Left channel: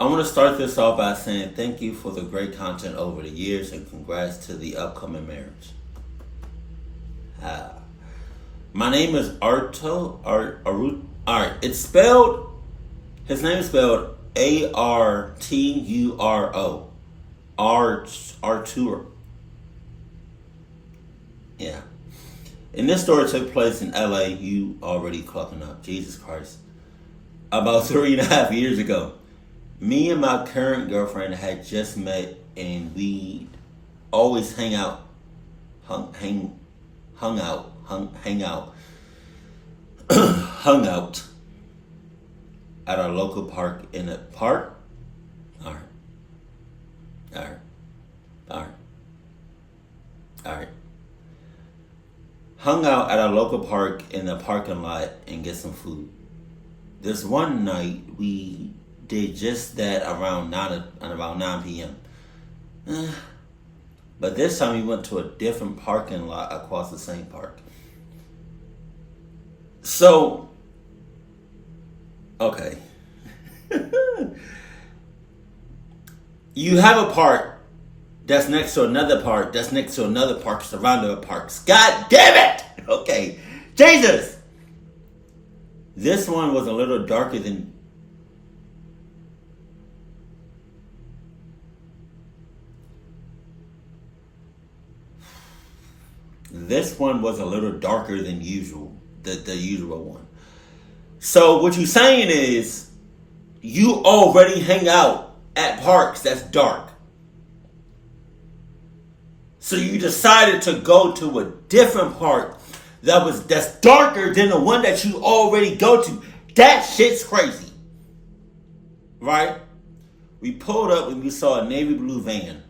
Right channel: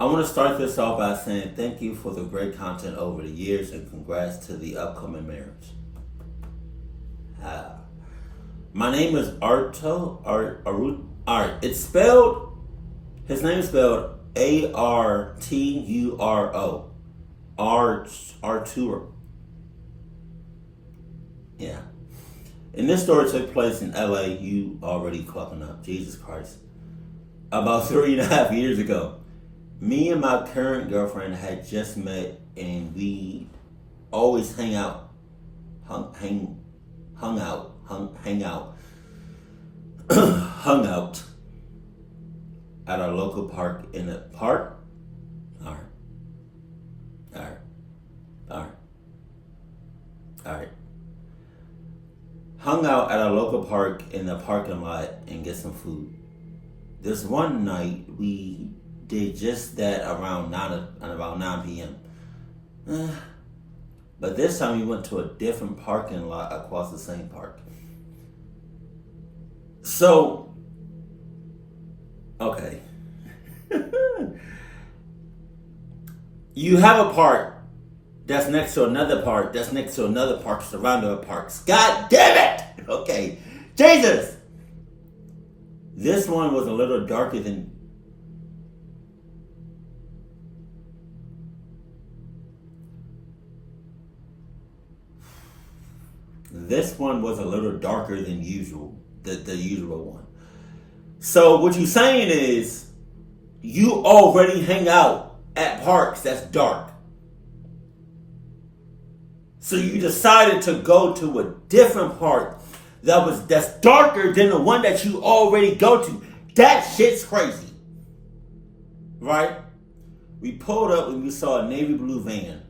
I want to start this off by saying thank you for the great content over the years and congrats to the upcoming marriage. Ah. My name is Arturo. Alright, it's spelled, his name is spelled Arturo. Arturo. Yeah. And this story took place in LA. You already clucking up. Jesus Christ. About 3.5 years ago. Me and my current girlfriend had just met and we always hang out. Hung out. Hung out at our local park in a park. Alright. Hung out at our local park in the parking lot and get some food. This one night we did just that around 9 p.m. But this time we went to a different parking lot across the same park. So, okay. You have a park that's next to another park, that's next to another park, surrounded by parks. God damn it! Okay. Jesus! This one was a little darker than... This one was a little darker than usual, the usual one. So what you're saying is, you already hang out at parks that's dark. So you decided to go to a different park that's darker than the one that you already go to. That shit's crazy. Right? We pulled up and we saw a navy blue van.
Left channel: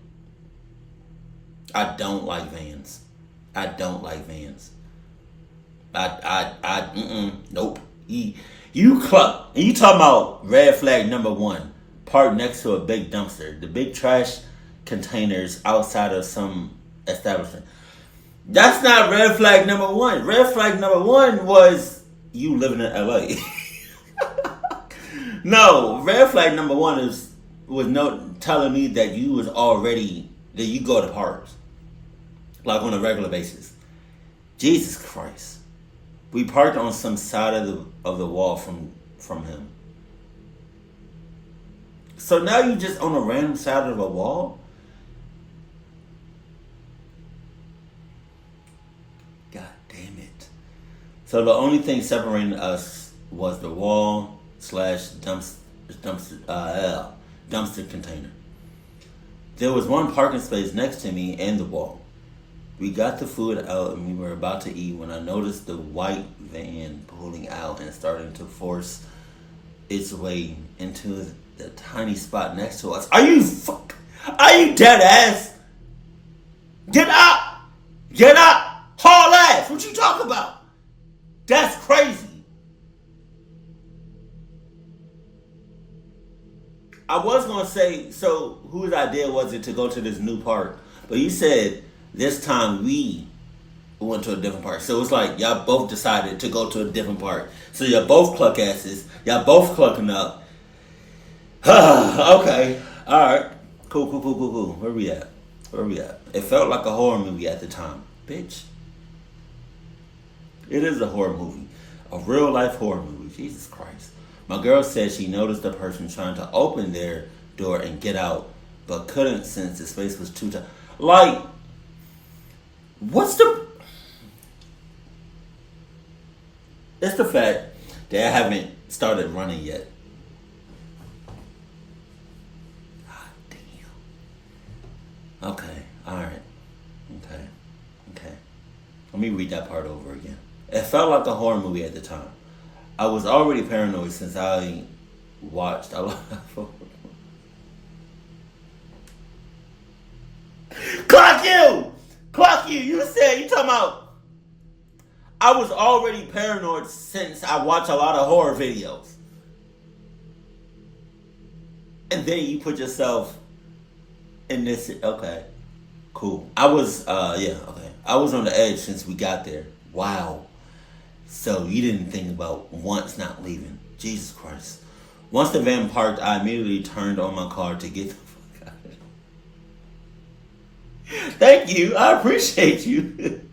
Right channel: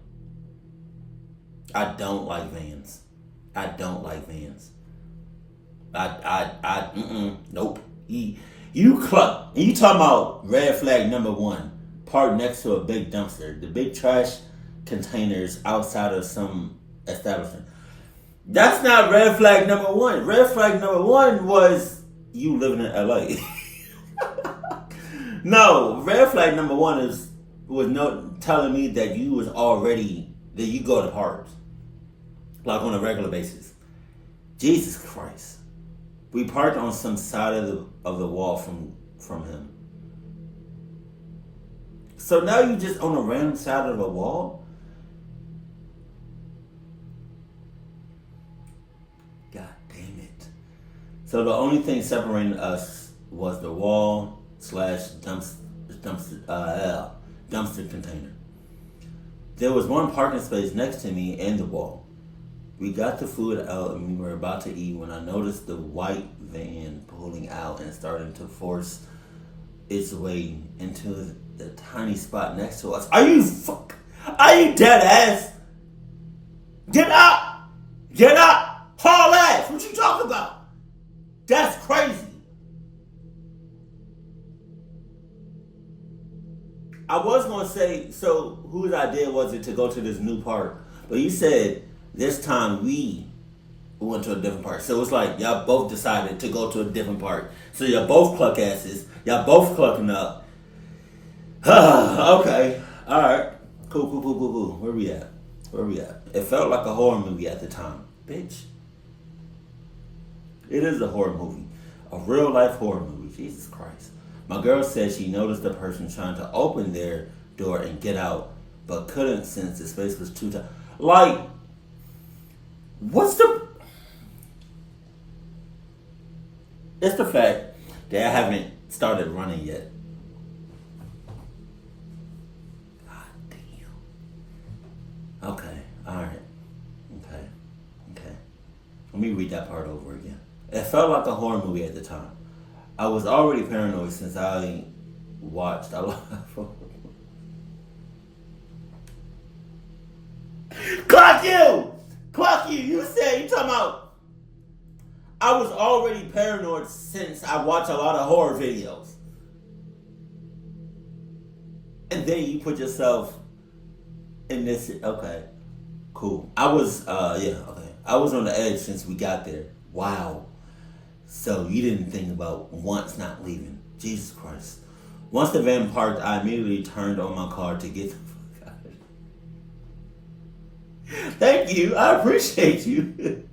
I don't like vans. Nope. You cluck. And you talking about red flag number 1. Parked next to a big dumpster. The big trash containers outside of some establishment. That's not red flag number 1. Red flag number 1 was you living in LA. No, red flag number 1 was telling me that you go to parks. Like on a regular basis. Jesus Christ. We parked on some side of the wall from him. So now you just on a random side of a wall? God damn it. So the only thing separating us was the wall / dumpster container. There was one parking space next to me and the wall. We got the food out and we were about to eat when I noticed the white van pulling out and starting to force its way into the tiny spot next to us. Are you dead ass? Get up! Haul ass! What you talking about? That's crazy. I was gonna say, so whose idea was it to go to this new park? But you said this time we went to a different park. So it's like y'all both decided to go to a different park. So y'all both cluck asses. Y'all both clucking up. Okay. Alright. Cool. Where we at? It felt like a horror movie at the time. Bitch. It is a horror movie. A real life horror movie. Jesus Christ. My girl said she noticed the person trying to open their door and get out, but couldn't since the space was too tight. Like, it's the fact that I haven't started running yet. God damn. Okay. Alright. Okay. Let me read that part over again. It felt like a horror movie at the time. I was already paranoid since I watched a lot of Cluck you! You said, you talking about, I was already paranoid since I watch a lot of horror videos. And then you put yourself in this, okay, cool. I was on the edge since we got there. Wow. So you didn't think about once not leaving. Jesus Christ. Once the van parked, I immediately turned on my car to get the fuck out of it. Thank you. I appreciate you.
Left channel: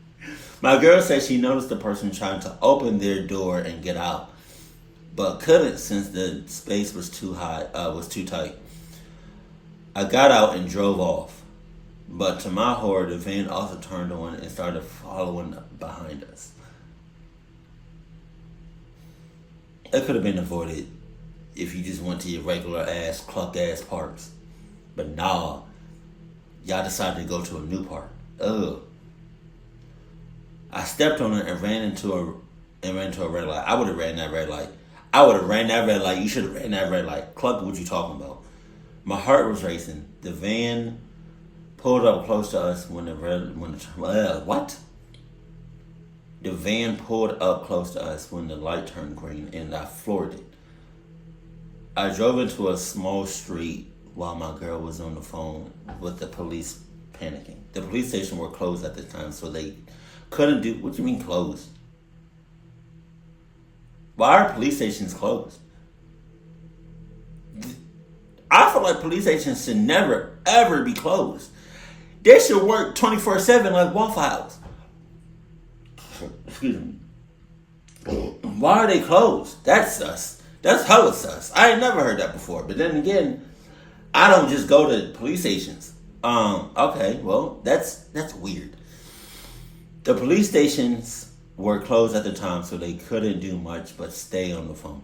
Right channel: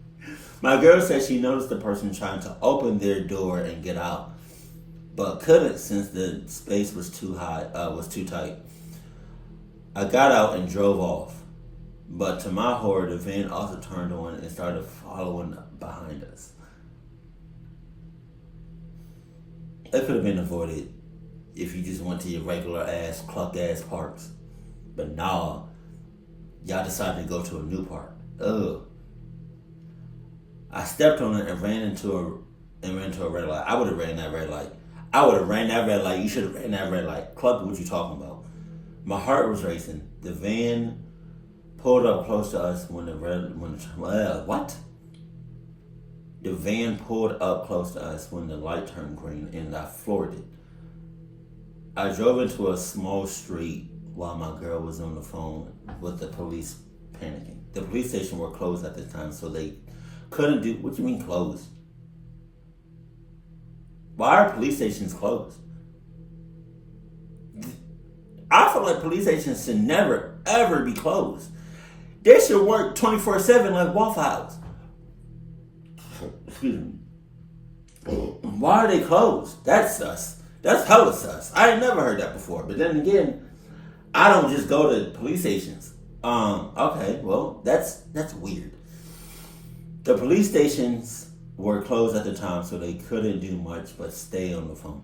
My girl said she noticed the person trying to open their door and get out, but couldn't since the space was too tight. I got out and drove off, but to my horror, the van also turned on and started following behind us. It could have been avoided if you just went to your regular ass, cluck ass parks. But nah, y'all decided to go to a new park. Ugh. I stepped on it and ran into a red light. I would have ran that red light. I would have ran that red light. You should have ran that red light. Cluck, what you talking about? My heart was racing. The van pulled up close to us when what? The van pulled up close to us when the light turned green, and I floored it. I drove into a small street while my girl was on the phone with the police panicking. The police station were closed at the time, so they couldn't do. What do you mean closed? Why are police stations closed? I feel like police stations should never, ever be closed. They should work 24/7 like Waffle House. Excuse me. Why are they closed? That's sus. That's hella sus. I ain't never heard that before. But then again, I don't just go to police stations. Okay, well, that's weird. The police stations were closed at the time, so they couldn't do much but stay on the phone.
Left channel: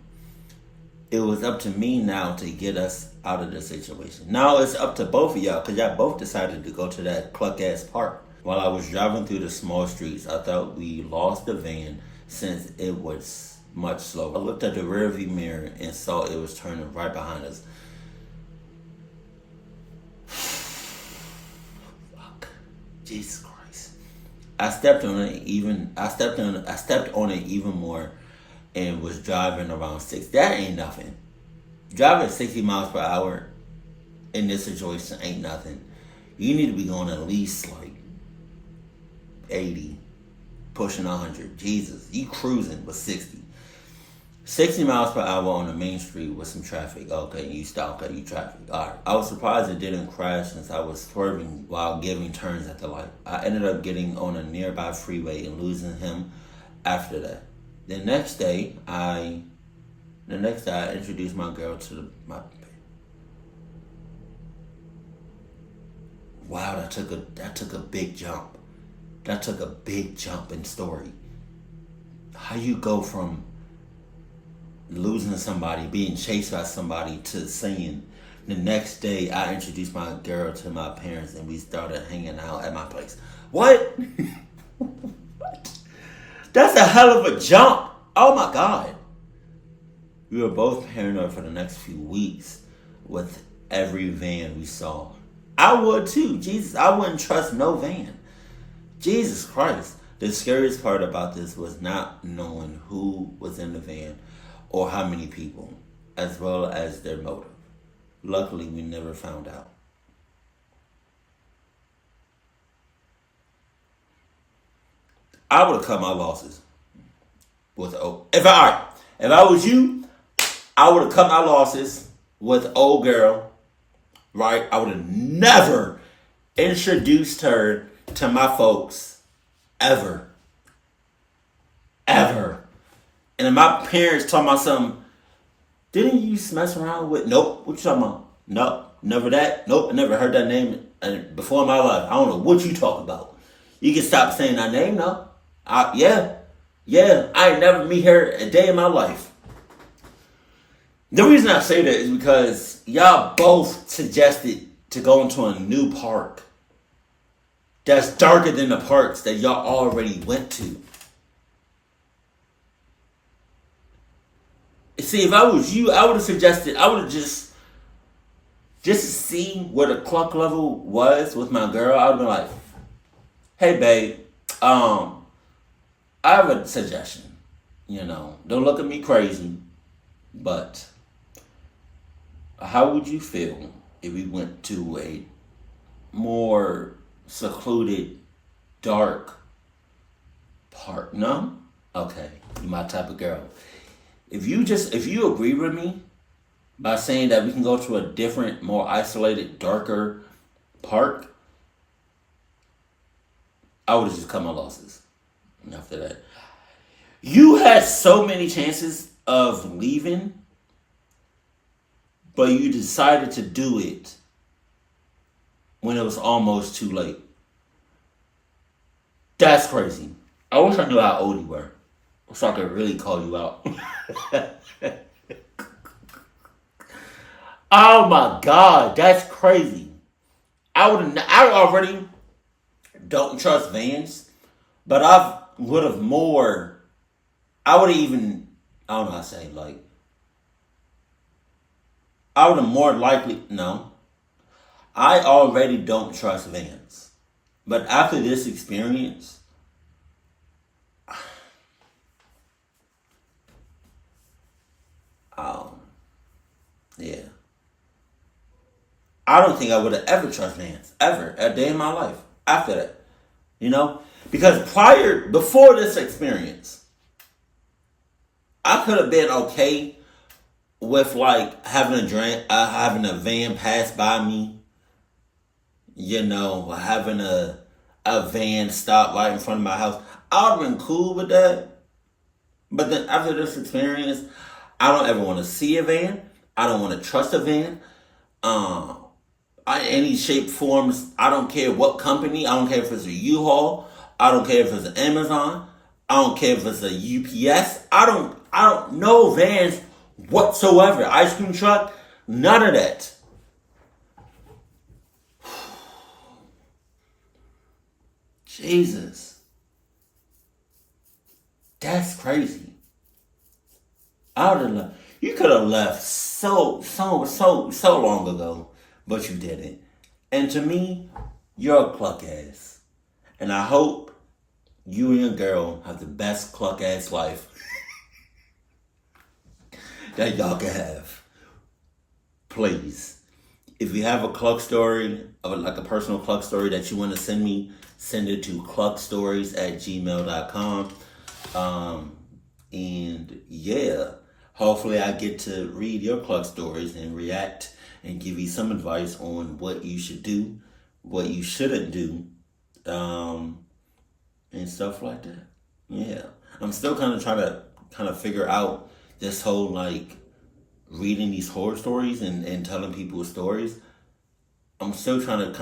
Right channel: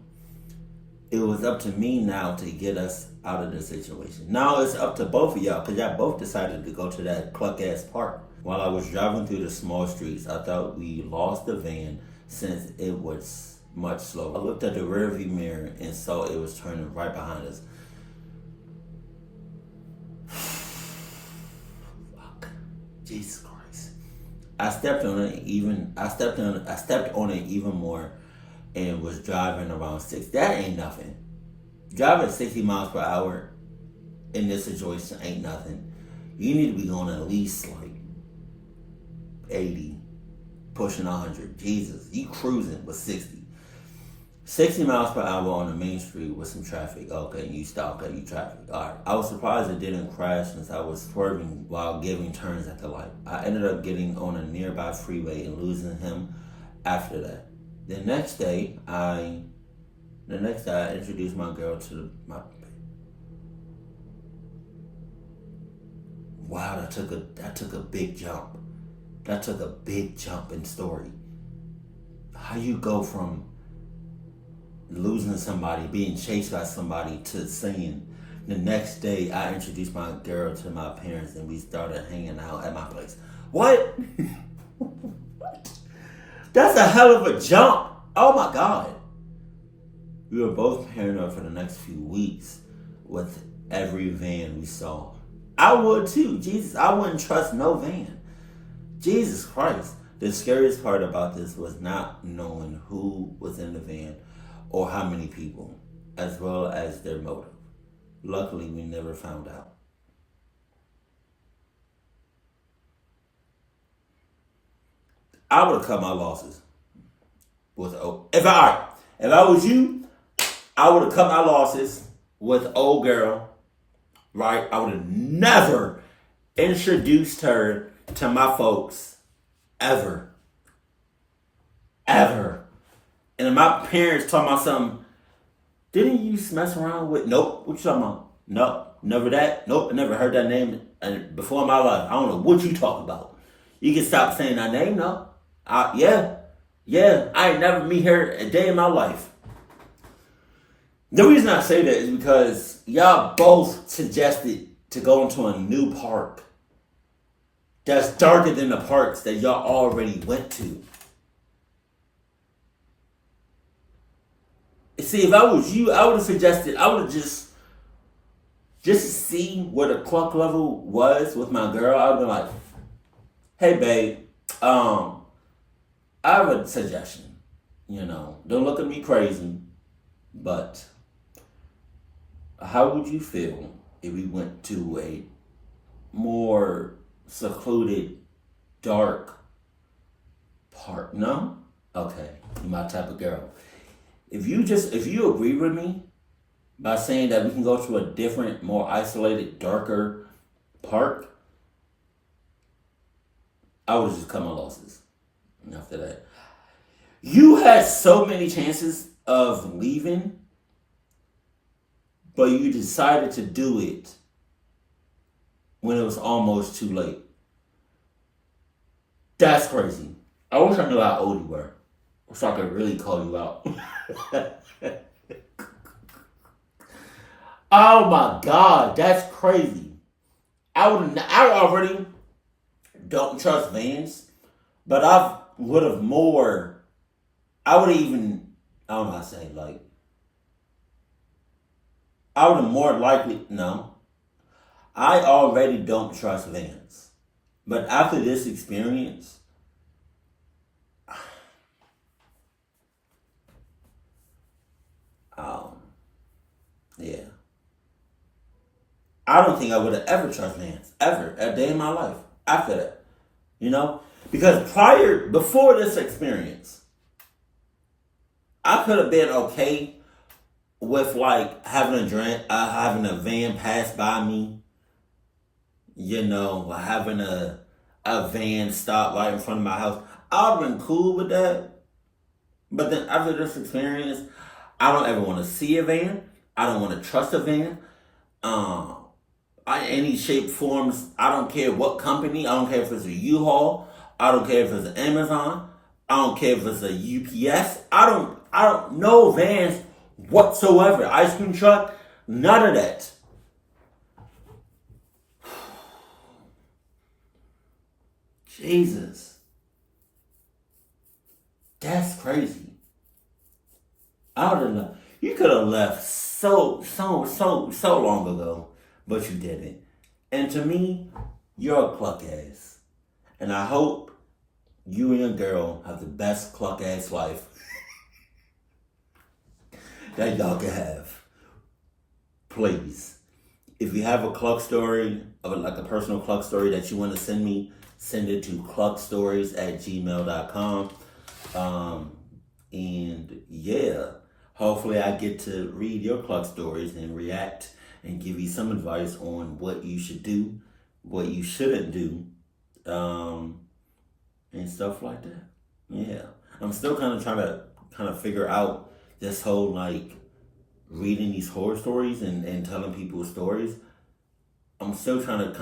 It was up to me now to get us out of this situation. Now it's up to both of y'all, because y'all both decided to go to that cluck-ass park. While I was driving through the small streets, I thought we lost the van since it was much slower. I looked at the rearview mirror and saw it was turning right behind us. Fuck. Jesus Christ. I stepped on it even more and was driving around 6. That ain't nothing. Driving 60 miles per hour in this situation ain't nothing. You need to be going at least like 80, pushing 100. Jesus, you cruising with 60. 60 miles per hour on the main street with some traffic. Okay, you stop. Okay, you traffic. All right. I was surprised it didn't crash since I was swerving while giving turns at the light. I ended up getting on a nearby freeway and losing him after that. The next day, I introduced my girl to my. Wow, that took a big jump. That took a big jump in story. How you go from losing somebody, being chased by somebody, to saying the next day I introduced my girl to my parents and we started hanging out at my place. What? What? That's a hell of a jump. Oh my God. We were both paranoid for the next few weeks with every van we saw. I would too. Jesus, I wouldn't trust no van. Jesus Christ. The scariest part about this was not knowing who was in the van or how many people, as well as their motive. Luckily, we never found out. I would have cut my losses with if I was you, I would have cut my losses with old girl. Right? I would have never introduced her to my folks ever. Ever. And then my parents talking about something. Didn't you mess around with? Nope. What you talking about? No, never that. Nope. I never heard that name before in my life. I don't know what you talking about. You can stop saying that name, no? Yeah. I ain't never meet her a day in my life. The reason I say that is because y'all both suggested to go into a new park that's darker than the parks that y'all already went to. See, if I was you, I would have just to see where the cluck level was with my girl, I would have been like, hey babe, I have a suggestion. Don't look at me crazy, but how would you feel if we went to a more secluded, dark park? No? Okay, you're my type of girl. If you agree with me, by saying that we can go to a different, more isolated, darker park, I would have just cut my losses. And after that, you had so many chances of leaving, but you decided to do it when it was almost too late. That's crazy. I wish I knew how old you were, so I could really call you out. Oh my God, that's crazy. I already don't trust vans, but I would have more. I would have even. I don't know how to say, like. I would have more likely. No, I already don't trust vans, but after this experience, um, yeah, I don't think I would have ever trust vans ever a day in my life after that. You know, because before this experience, I could have been okay with like having a van pass by me. You know, having a van stop right in front of my house. I would have been cool with that. But then after this experience, I don't ever want to see a van. I don't want to trust a van. Any shape, forms. I don't care what company. I don't care if it's a U-Haul. I don't care if it's an Amazon. I don't care if it's a UPS. I don't know vans whatsoever. Ice cream truck, none of that. Jesus. That's crazy. I would have left. You could have left so long ago, but you didn't. And to me, you're a cluck ass. And I hope you and your girl have the best cluck ass life that y'all can have. Please. If you have a cluck story, like a personal cluck story that you want to send me, send it to cluckstories@gmail.com. And yeah, hopefully I get to read your cluck stories and react and give you some advice on what you should do, what you shouldn't do, and stuff like that. Yeah. I'm still kind of trying to figure out this whole like reading these horror stories and telling people stories. I'm still trying to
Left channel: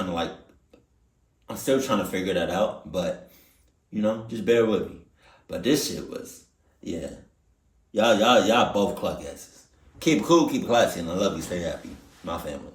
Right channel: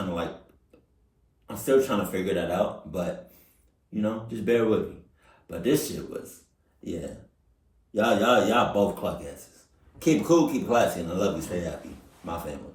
figure that out, but just bear with me. But this shit was, yeah. Y'all both cluck asses. Keep cool, keep classy, and I love you. Stay happy. My family.